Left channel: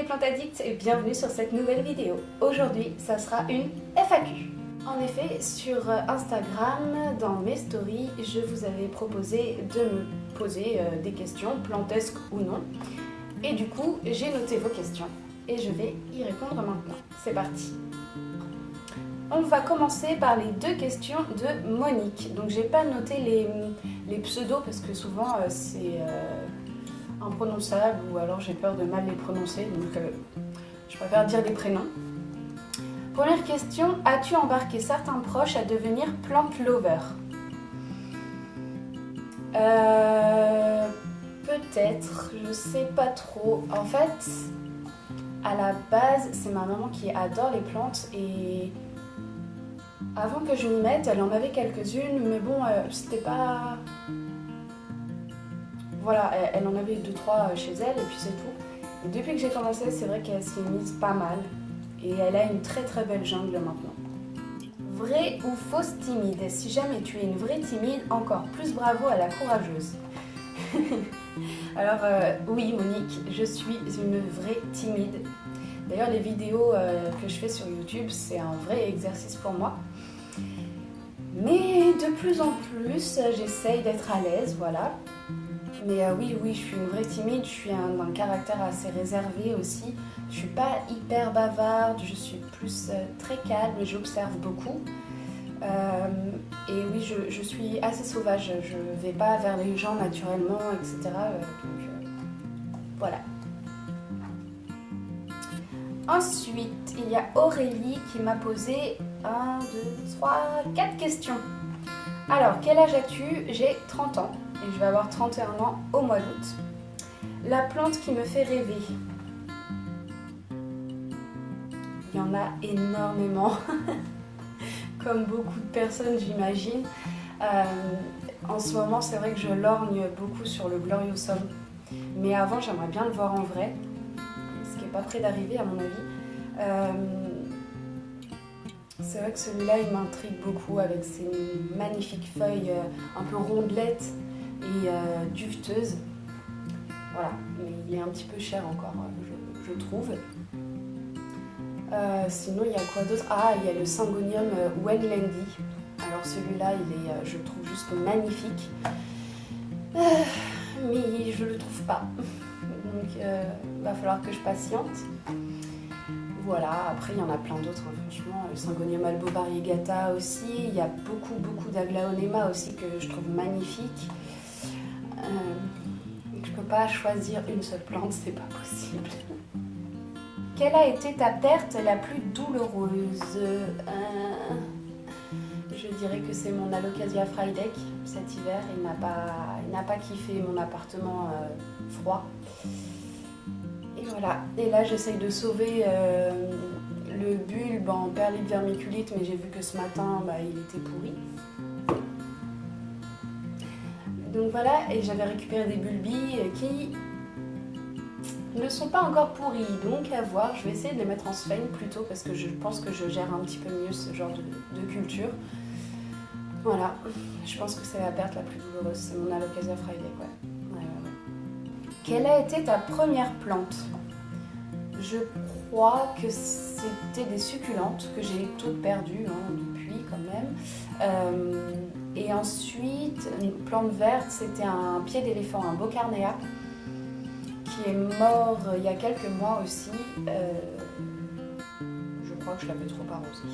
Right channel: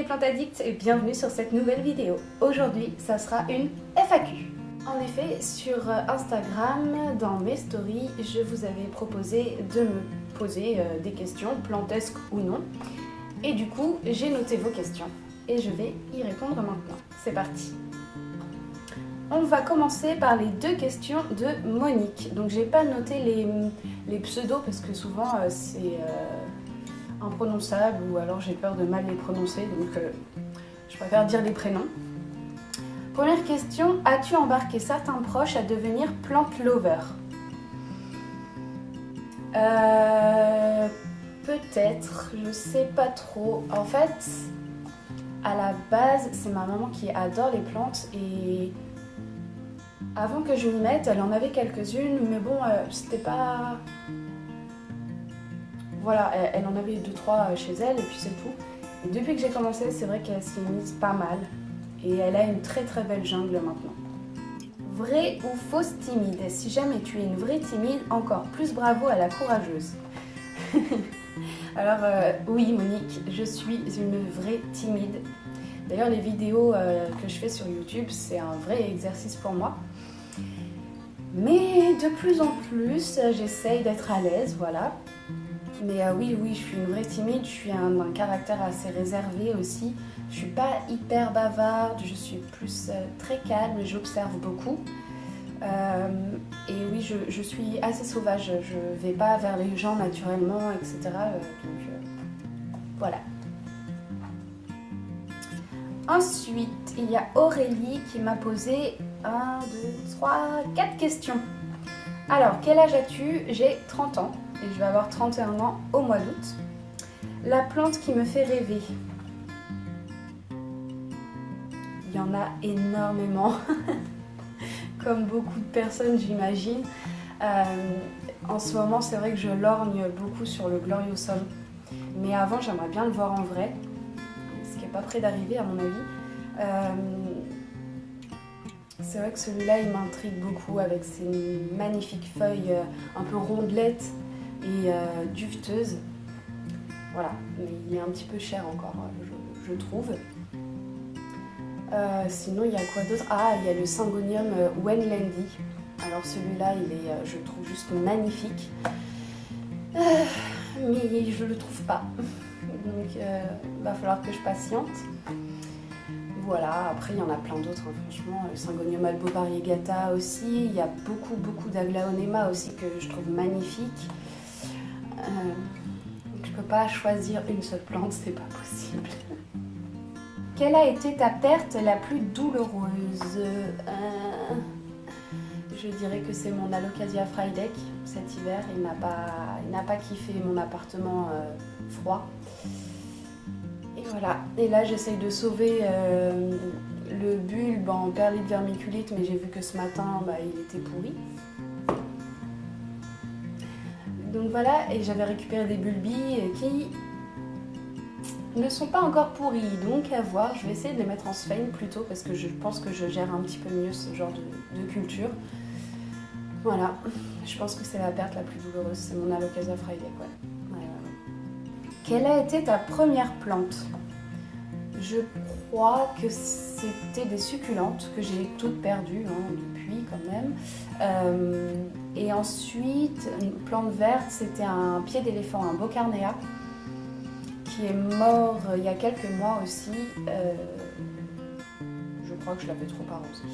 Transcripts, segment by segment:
les plantes addicts et bienvenue sur cette nouvelle vidéo. Aujourd'hui, ça sera une FAQ. En effet, sur Instagram, dans mes stories, je vous avais proposé de me poser des questions, plantesques ou non. Et du coup, j'ai noté vos questions et je vais y répondre maintenant. C'est parti. On va commencer par les deux questions de Monique. Donc, j'ai pas noté les pseudos parce que souvent c'est imprononçable ou alors j'ai peur de mal les prononcer. Donc, je préfère dire les prénoms. Première question, as-tu embarqué certains proches à devenir plant lover? Peut-être, je sais pas trop. En fait, à la base, c'est ma maman qui adore les plantes et avant que je m'y mette, elle en avait quelques-unes, mais bon, c'était pas... Voilà, elle en avait 2-3 chez elle et puis c'est tout. Et depuis que j'ai commencé, c'est vrai qu'elle s'y est mise pas mal. Et elle a une très très belle jungle maintenant. Vraie ou fausse timide? Si jamais tu es une vraie timide, encore plus bravo à la courageuse. Alors oui Monique, je suis une vraie timide. D'ailleurs les vidéos que je fais sur YouTube, c'est un vrai exercice pour moi. Mais de plus en plus, j'essaye d'être à l'aise, voilà. Mais oui, je suis une vraie timide, je suis un caractère assez réservé aussi. Je suis pas hyper bavarde, je suis plus très calme, j'observe beaucoup. Et oui, je suis assez sauvage, je vais pas vers les gens naturellement, etc. Voilà. Ensuite, il y a Aurélie qui m'a posé 1, 2, 3, 4 questions. Alors, quel âge as-tu? J'ai 30 ans et je vais avoir 31 ans au mois d'août. La plante qui me fait rêver. Il y en a énormément, comme beaucoup de personnes j'imagine. En ce moment, c'est vrai que je lorgne beaucoup sur le Gloriosum. Mais avant, j'aimerais bien le voir en vrai, ce qui n'est pas près d'arriver à mon avis. C'est vrai que celui-là, il m'intrigue beaucoup avec ses magnifiques feuilles un peu rondelettes et duveteuses. Voilà, mais il est un petit peu cher encore, je trouve. Sinon, il y a quoi d'autre? Ah, il y a le Syngonium Wenlandy. Alors celui-là, il est, je trouve juste magnifique. Mais je le trouve pas. Donc, il va falloir que je patiente. Voilà, après, il y en a plein d'autres, hein, franchement. Le Syngonium albovariegata aussi. Il y a beaucoup d'Aglaonema aussi que je trouve magnifique. Donc, je peux pas choisir une seule plante, c'est pas possible. Quelle a été ta perte la plus douloureuse? Je dirais que c'est mon Alocasia frydek cet hiver. Il n'a pas kiffé mon appartement froid. Et voilà. Et là, j'essaye de sauver le bulbe en perlite vermiculite, mais j'ai vu que ce matin, il était pourri. Donc voilà, et j'avais récupéré des bulbis qui ne sont pas encore pourris, donc à voir. Je vais essayer de les mettre en sphène plutôt parce que je pense que je gère un petit peu mieux ce genre de culture. Voilà, je pense que c'est la perte la plus douloureuse, c'est mon Alocasia frydek, ouais. Quelle a été ta première plante? Je crois que c'était des succulentes que j'ai toutes perdues depuis quand même. Et ensuite, une plante verte, c'était un pied d'éléphant, un Bocarnea, qui est mort il y a quelques mois aussi. Je crois que je l'avais trop arrosé.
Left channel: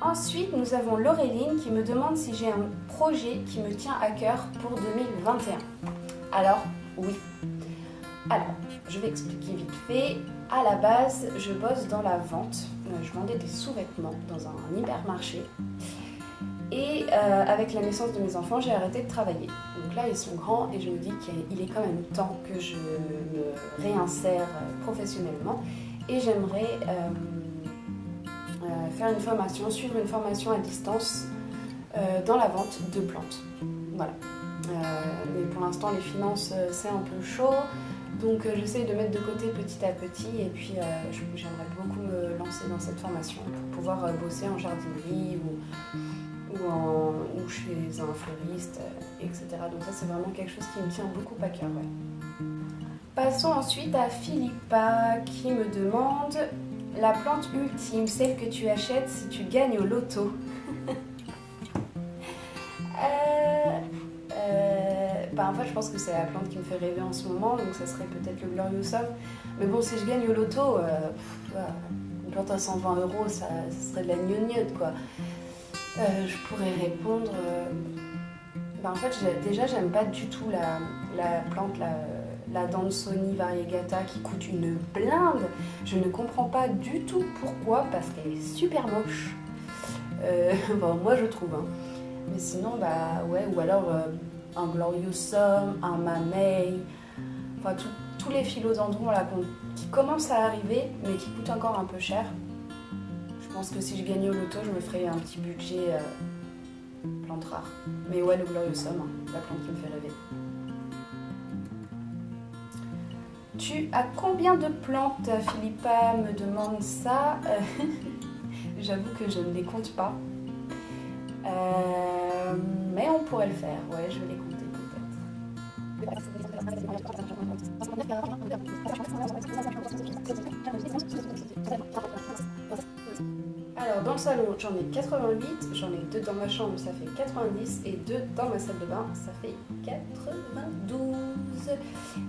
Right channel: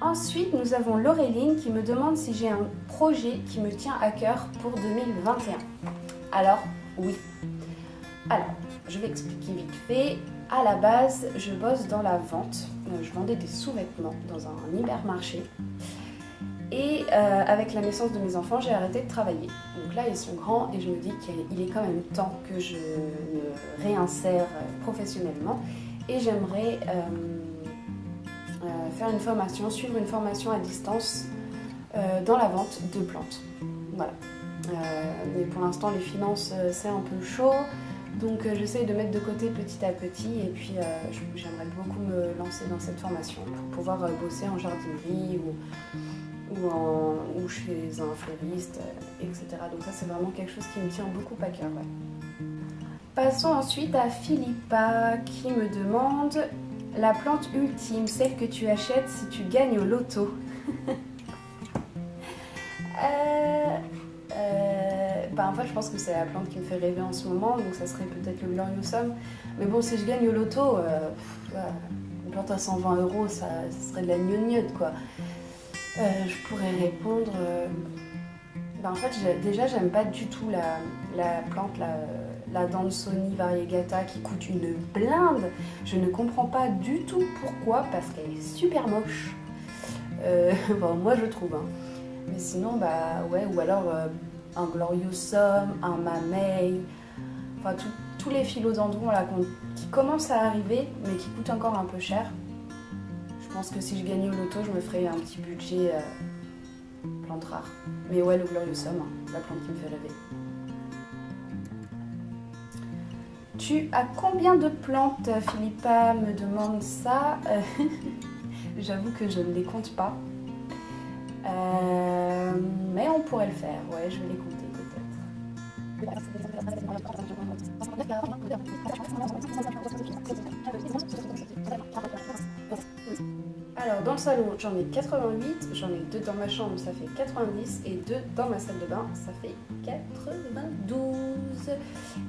Ensuite, nous avons Laureline qui me demande si j'ai un projet qui me tient à cœur pour 2021. Alors, oui. Alors, je vais expliquer vite fait. À la base, je bosse dans la vente. Je vendais des sous-vêtements dans un hypermarché. Et avec la naissance de mes enfants, j'ai arrêté de travailler. Donc là, ils sont grands et je me dis qu'il est quand même temps que je me réinsère professionnellement. Et j'aimerais faire une formation, suivre une formation à distance dans la vente de plantes. Voilà. Mais pour l'instant, les finances, c'est un peu chaud. Donc j'essaie de mettre de côté petit à petit et puis j'aimerais beaucoup me lancer dans cette formation pour pouvoir bosser en jardinerie ou chez un fleuriste, etc. Donc ça c'est vraiment quelque chose qui me tient beaucoup à cœur. Ouais. Passons ensuite à Philippa qui me demande la plante ultime, celle que tu achètes si tu gagnes au loto. En fait, je pense que c'est la plante qui me fait rêver en ce moment, donc ça serait peut-être le Gloriosum. Mais bon, si je gagne au loto, une plante à 120 euros, ça serait de la gnognotte, quoi. Je pourrais répondre. En fait, déjà, j'aime pas du tout la plante, la Dansoni variegata qui coûte une blinde. Je ne comprends pas du tout pourquoi, parce qu'elle est super moche. Moi, je trouve. Hein. Mais sinon, ouais, ou alors un Gloriosum, un Mamey, enfin tous les philodendrons là qui commencent à arriver, mais qui coûtent encore un peu cher. Je pense que si je gagnais au loto, je me ferais un petit budget plante rare. Mais ouais, le Gloriosum, hein, la plante qui me fait rêver. Tu as combien de plantes, Philippa me demande ça. J'avoue que je ne les compte pas. Mais on pourrait le faire, ouais, je vais les compter peut-être. Alors dans le salon j'en ai 88, j'en ai 2 dans ma chambre, ça fait 90, et 2 dans ma salle de bain, ça fait 92.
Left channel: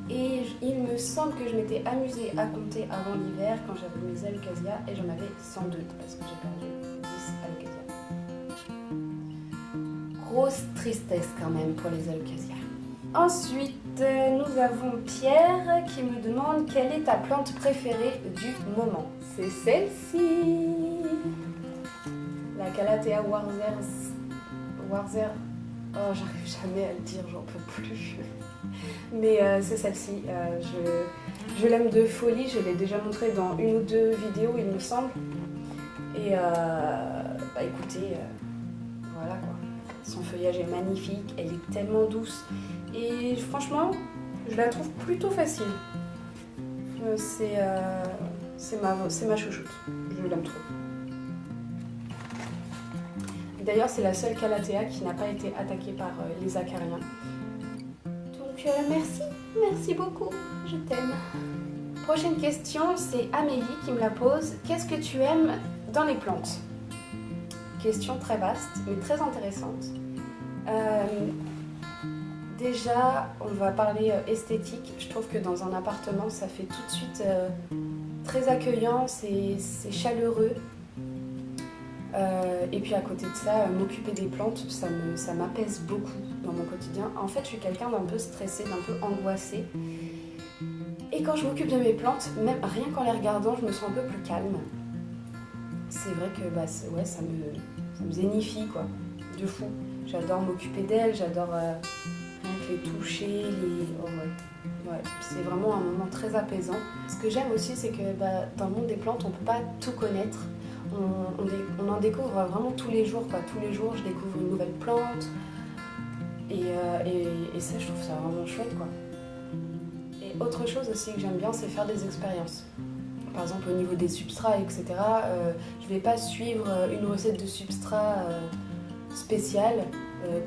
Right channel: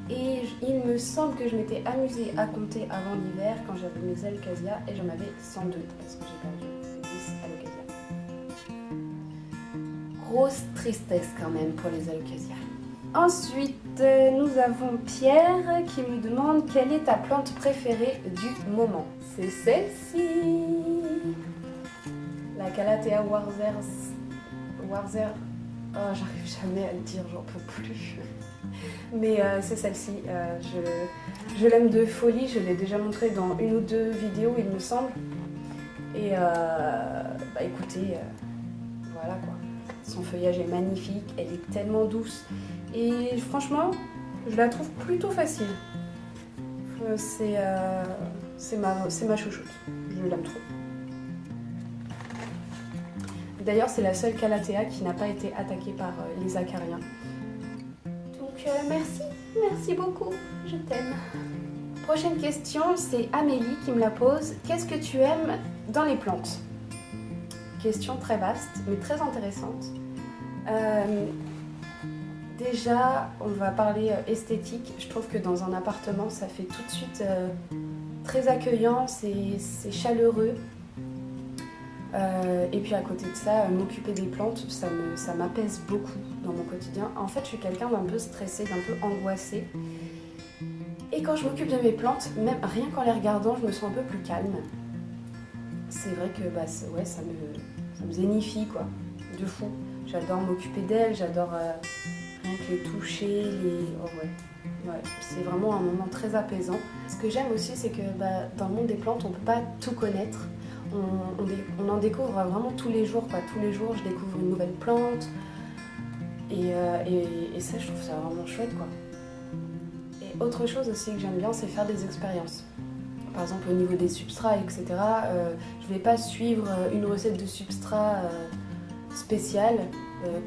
Et il me semble que je m'étais amusée à compter avant l'hiver quand j'avais mes alocasias, et j'en avais 102 parce que j'ai perdu 10 alocasias. Grosse tristesse quand même pour les alocasias. Ensuite, nous avons Pierre qui me demande quelle est ta plante préférée du moment. C'est celle-ci, la Calathea Warzer. Oh, j'arrive jamais à le dire, j'en peux plus. Mais c'est celle-ci. Je l'aime de folie. Je l'ai déjà montré dans une ou 2 vidéos, il me semble. Et écoutez, voilà quoi. Son feuillage est magnifique, elle est tellement douce. Et franchement, je la trouve plutôt facile. C'est ma chouchoute. Je l'aime trop. D'ailleurs, c'est la seule Calathea qui n'a pas été attaquée par les acariens. Donc merci beaucoup, je t'aime. Prochaine question, c'est Amélie qui me la pose. Qu'est-ce que tu aimes dans les plantes? Question très vaste, mais très intéressante. Déjà, on va parler esthétique. Je trouve que dans un appartement, ça fait tout de suite très accueillant, c'est chaleureux. Et puis à côté de ça, m'occuper des plantes, ça m'apaise beaucoup dans mon quotidien. En fait, je suis quelqu'un d'un peu stressé, d'un peu angoissé. Et quand je m'occupe de mes plantes, même rien qu'en les regardant, je me sens un peu plus calme. C'est vrai que ça me zénifie, quoi, de fou. J'adore m'occuper d'elles, j'adore rien que les toucher, Oh ouais, c'est vraiment un moment très apaisant. Ce que j'aime aussi, c'est que dans le monde des plantes, on ne peut pas tout connaître. On en découvre vraiment tous les jours, quoi. Tous les jours, je découvre une nouvelle plante. Et ça, je trouve ça vraiment chouette, quoi. Et autre chose aussi que j'aime bien, c'est faire des expériences. Par exemple, au niveau des substrats, etc. Je ne vais pas suivre une recette de substrat spéciale,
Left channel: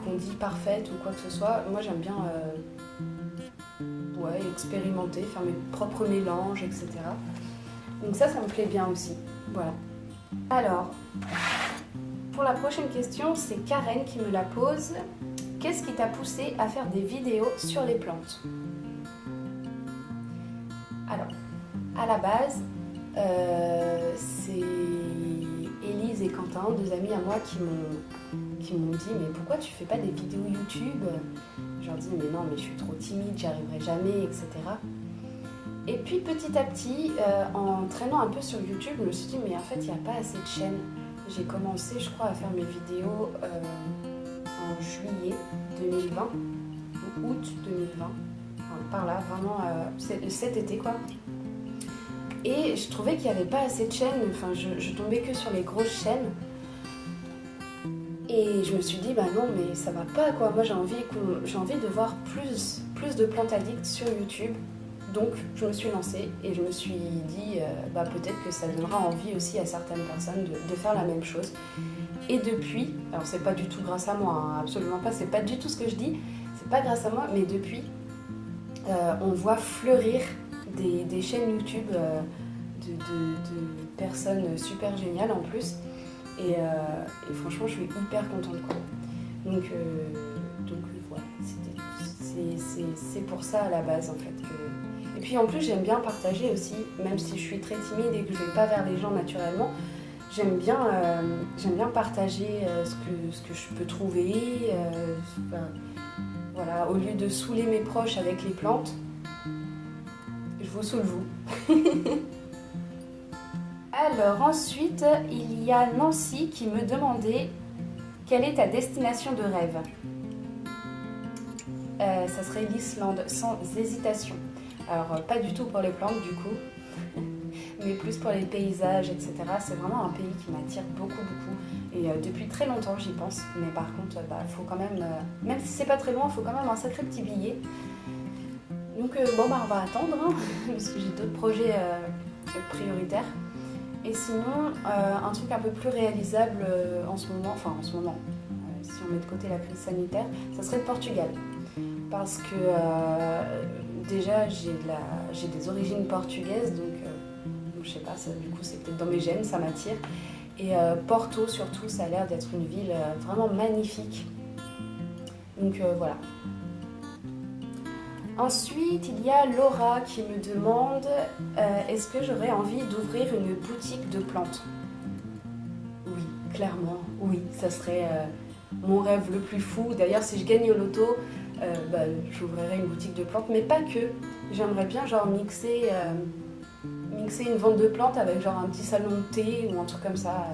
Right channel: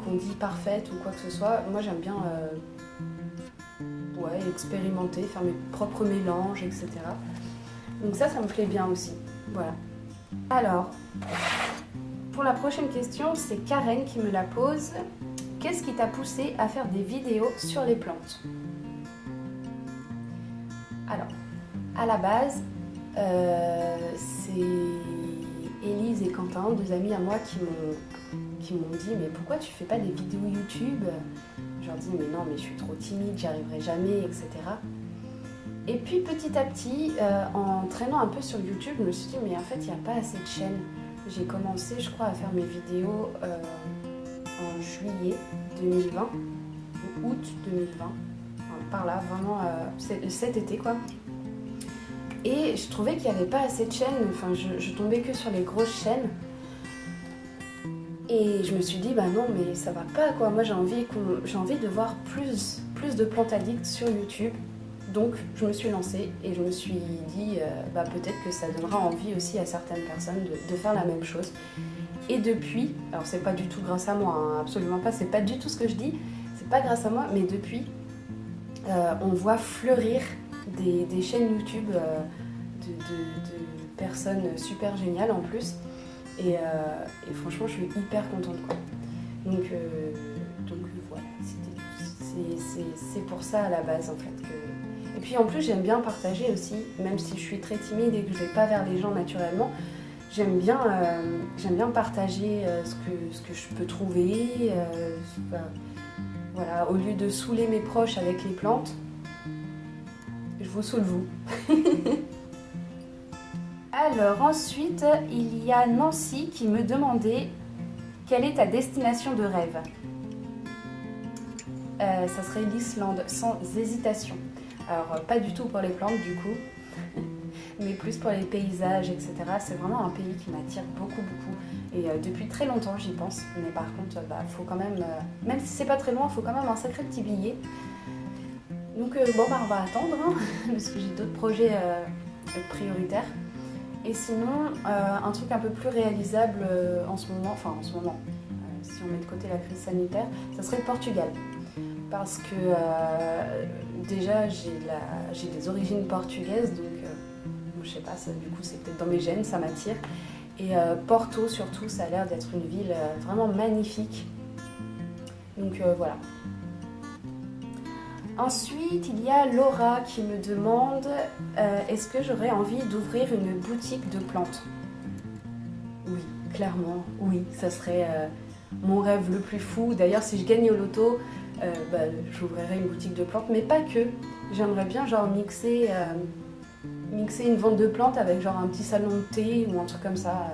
qu'on dit parfaite ou quoi que ce soit. Moi, j'aime bien expérimenter, faire mes propres mélanges, etc. Donc ça me plaît bien aussi. Voilà. Alors, pour la prochaine question, c'est Karen qui me la pose. Qu'est-ce qui t'a poussé à faire des vidéos sur les plantes? Alors, à la base, c'est Élise et Quentin, 2 amis à moi, qui m'ont dit « Mais pourquoi tu fais pas des vidéos YouTube ?» Je leur dis « Mais non, mais je suis trop timide, j'y arriverai jamais, etc. » Et puis petit à petit, en traînant un peu sur YouTube, je me suis dit « Mais en fait, il n'y a pas assez de chaînes. » J'ai commencé, je crois, à faire mes vidéos en juillet 2020, ou août 2020. Enfin, par là, vraiment, cet été, quoi. Et je trouvais qu'il n'y avait pas assez de chaînes, enfin je tombais que sur les grosses chaînes. Et je me suis dit, non, mais ça va pas, quoi. Moi, j'ai envie de voir plus de plantes addicts sur YouTube. Donc, je me suis lancée et je me suis dit, peut-être que ça donnera envie aussi à certaines personnes de faire la même chose. Et depuis, alors c'est pas du tout grâce à moi, hein, absolument pas, c'est pas du tout ce que je dis, c'est pas grâce à moi, mais depuis, on voit fleurir des chaînes YouTube de personnes super géniales en plus. Et franchement, je suis hyper contente, quoi. Donc voilà, c'est pour ça à la base en fait que... Et puis en plus j'aime bien partager aussi, même si je suis très timide et que je vais pas vers les gens naturellement, j'aime bien partager ce que je peux trouver. Enfin, voilà, au lieu de saouler mes proches avec les plantes, je vous saoule vous. Alors ensuite, il y a Nancy qui me demandait quelle est ta destination de rêve. Ça serait l'Islande, sans hésitation. Alors, pas du tout pour les plantes du coup, mais plus pour les paysages, etc. C'est vraiment un pays qui m'attire beaucoup, beaucoup. Et depuis très longtemps, j'y pense. Mais par contre, faut quand même si c'est pas très loin, il faut quand même un sacré petit billet. Donc, on va attendre, hein, parce que j'ai d'autres projets prioritaires. Et sinon, un truc un peu plus réalisable en ce moment, si on met de côté la crise sanitaire, ça serait le Portugal. Parce que déjà j'ai des origines portugaises, donc je sais pas, du coup c'est peut-être dans mes gènes, ça m'attire. Et Porto surtout, ça a l'air d'être une ville vraiment magnifique. Donc voilà. Ensuite, il y a Laura qui me demande est-ce que j'aurais envie d'ouvrir une boutique de plantes? Oui, clairement, oui, ça serait mon rêve le plus fou. D'ailleurs, si je gagne au loto, j'ouvrirai une boutique de plantes, mais pas que. J'aimerais bien genre mixer une vente de plantes avec genre un petit salon de thé ou un truc comme ça,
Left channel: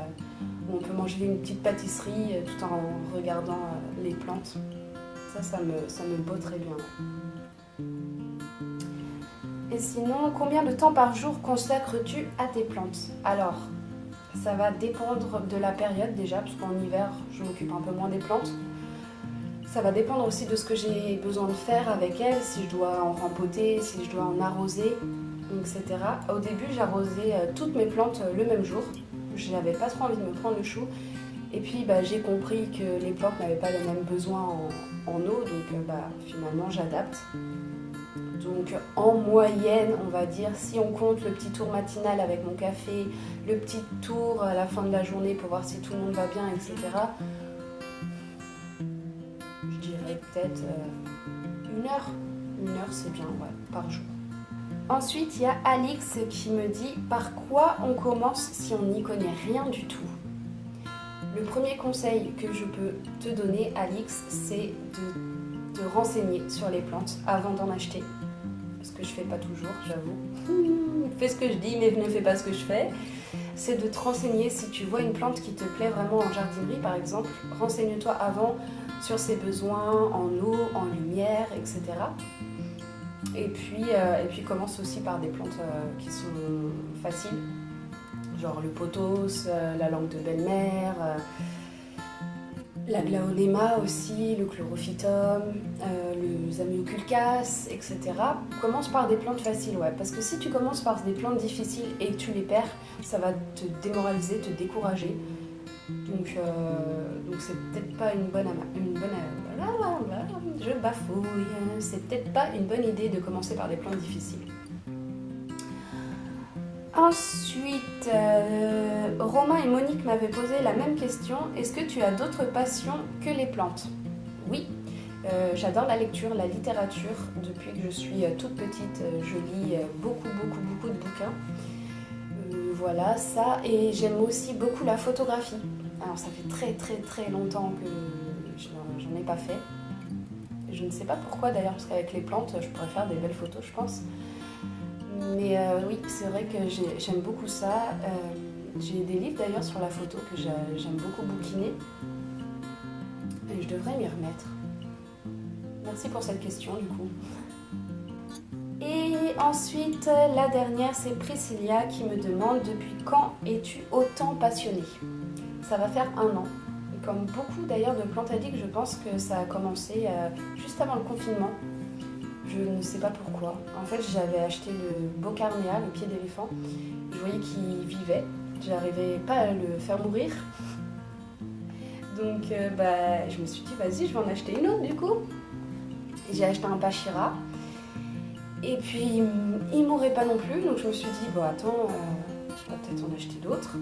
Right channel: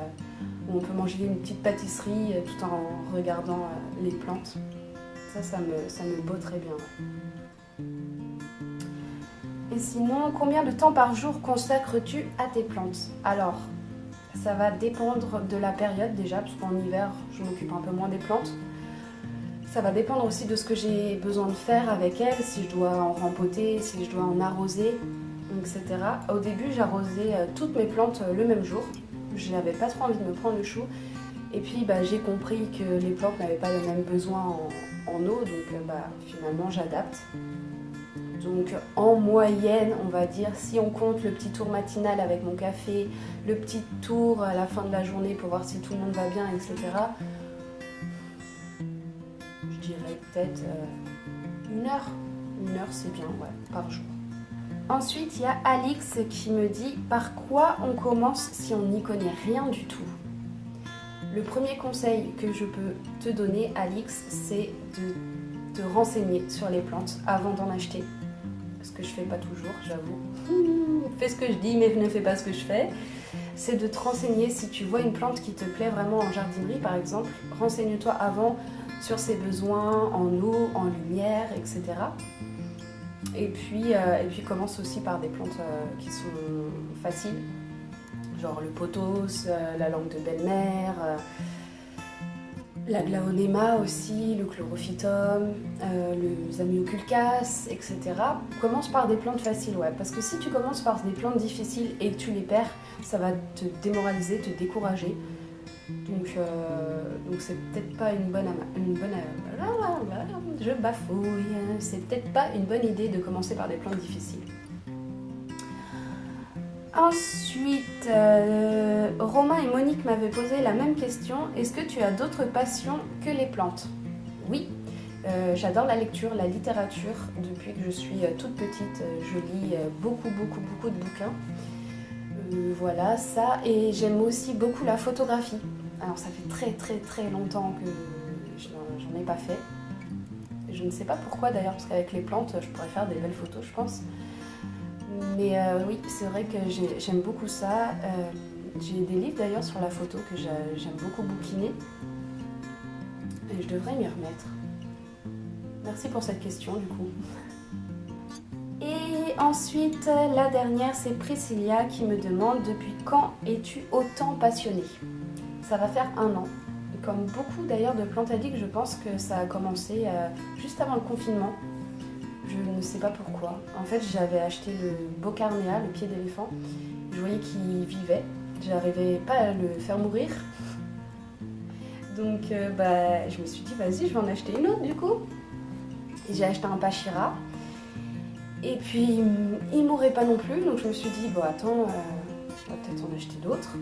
où on peut manger une petite pâtisserie tout en regardant les plantes. Ça me botterait bien. Et sinon, combien de temps par jour consacres-tu à tes plantes? Alors, ça va dépendre de la période déjà, parce qu'en hiver, je m'occupe un peu moins des plantes. Ça va dépendre aussi de ce que j'ai besoin de faire avec elles, si je dois en rempoter, si je dois en arroser, etc. Au début, j'arrosais toutes mes plantes le même jour. Je n'avais pas trop envie de me prendre le chou. Et puis, j'ai compris que les plantes n'avaient pas le même besoin en eau, donc finalement, j'adapte. Donc en moyenne, on va dire, si on compte le petit tour matinal avec mon café, le petit tour à la fin de la journée pour voir si tout le monde va bien, etc., je dirais peut-être 1 heure. 1 heure, c'est bien, ouais, par jour. Ensuite, il y a Alix qui me dit « Par quoi on commence si on n'y connaît rien du tout ?» Le premier conseil que je peux te donner, Alix, c'est de te renseigner sur les plantes avant d'en acheter. Ce que je fais pas toujours, j'avoue. Fais ce que je dis, mais ne fais pas ce que je fais. C'est de te renseigner si tu vois une plante qui te plaît vraiment en jardinerie, par exemple. Renseigne-toi avant sur ses besoins en eau, en lumière, etc. Et puis commence aussi par des plantes qui sont faciles, genre le pothos, la langue de belle-mère, la glaonema aussi, le chlorophytum, le zamioculcas, etc. Commence par des plantes faciles, ouais. Parce que si tu commences par des plantes difficiles et que tu les perds, ça va te démoraliser, te décourager. Donc c'est peut-être pas je bafouille. C'est peut-être pas une bonne idée de commencer par des plantes difficiles. Ensuite, Romain et Monique m'avaient posé la même question. Est-ce que tu as d'autres passions que les plantes? Oui, j'adore la lecture, la littérature. Depuis que je suis toute petite, je lis beaucoup, beaucoup, beaucoup de bouquins. Voilà, ça. Et j'aime aussi beaucoup la photographie. Alors ça fait très, très, très longtemps que j'en ai pas fait. Je ne sais pas pourquoi d'ailleurs, parce qu'avec les plantes, je pourrais faire des belles photos, je pense. Mais oui, c'est vrai que j'aime beaucoup ça. J'ai des livres d'ailleurs sur la photo que j'aime beaucoup bouquiner. Et je devrais m'y remettre. Merci pour cette question du coup. Et ensuite, la dernière, c'est Priscilla qui me demande depuis quand es-tu autant passionnée? Ça va faire 1 an. Et comme beaucoup d'ailleurs de plantes addicts, je pense que ça a commencé juste avant le confinement. Je ne sais pas pourquoi. En fait, j'avais acheté le Bocarnea, le pied d'éléphant. Je voyais qu'il vivait. J'arrivais pas à le faire mourir. Donc, je me suis dit, vas-y, je vais en acheter une autre du coup. Et j'ai acheté un Pachira. Et puis, il mourrait pas non plus, donc je me suis dit, bon attends, on va peut-être en acheter d'autres.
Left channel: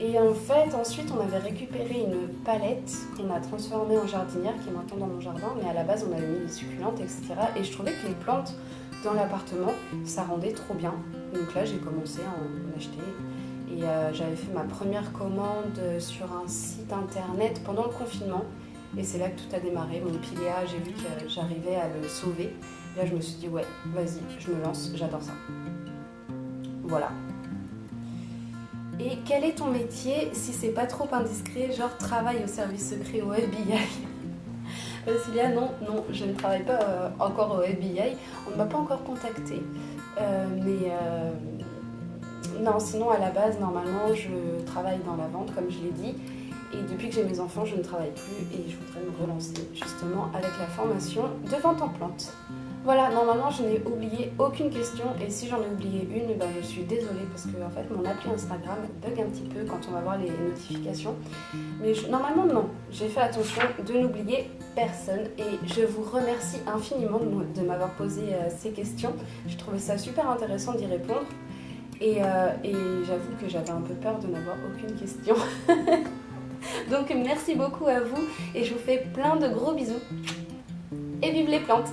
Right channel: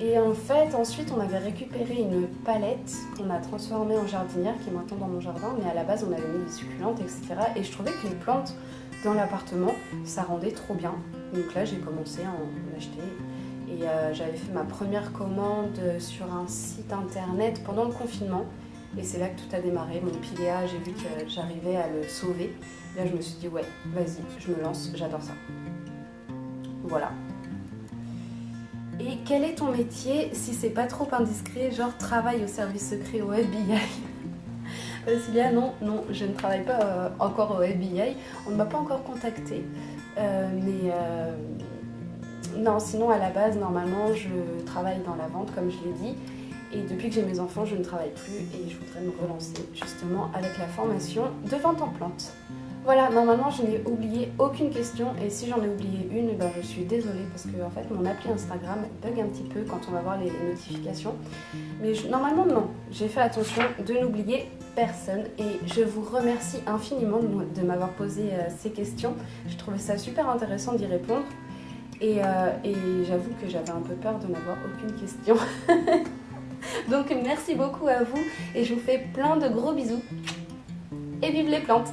Et en fait, ensuite, on avait récupéré une palette qu'on a transformée en jardinière, qui est maintenant dans mon jardin, mais à la base, on avait mis des succulentes, etc. Et je trouvais que les plantes dans l'appartement, ça rendait trop bien. Donc là, j'ai commencé à en acheter. Et j'avais fait ma première commande sur un site internet pendant le confinement. Et c'est là que tout a démarré. Mon piléa, j'ai vu que j'arrivais à le sauver. Et là, je me suis dit, ouais, vas-y, je me lance, j'adore ça. Voilà. Et quel est ton métier, si c'est pas trop indiscret, genre travail au service secret au FBI? Cilia, non, je ne travaille pas encore au FBI. On ne m'a pas encore contactée. Mais non, sinon à la base, normalement, je travaille dans la vente, comme je l'ai dit. Et depuis que j'ai mes enfants, je ne travaille plus et je voudrais me relancer justement avec la formation de vente en plantes. Voilà, normalement, je n'ai oublié aucune question et si j'en ai oublié une, ben, je suis désolée parce que en fait, mon appli Instagram bug un petit peu quand on va voir les notifications. Mais normalement, non, j'ai fait attention de n'oublier personne et je vous remercie infiniment de m'avoir posé ces questions. Je trouvais ça super intéressant d'y répondre et j'avoue que j'avais un peu peur de n'avoir aucune question. Donc merci beaucoup à vous et je vous fais plein de gros bisous et vive les plantes!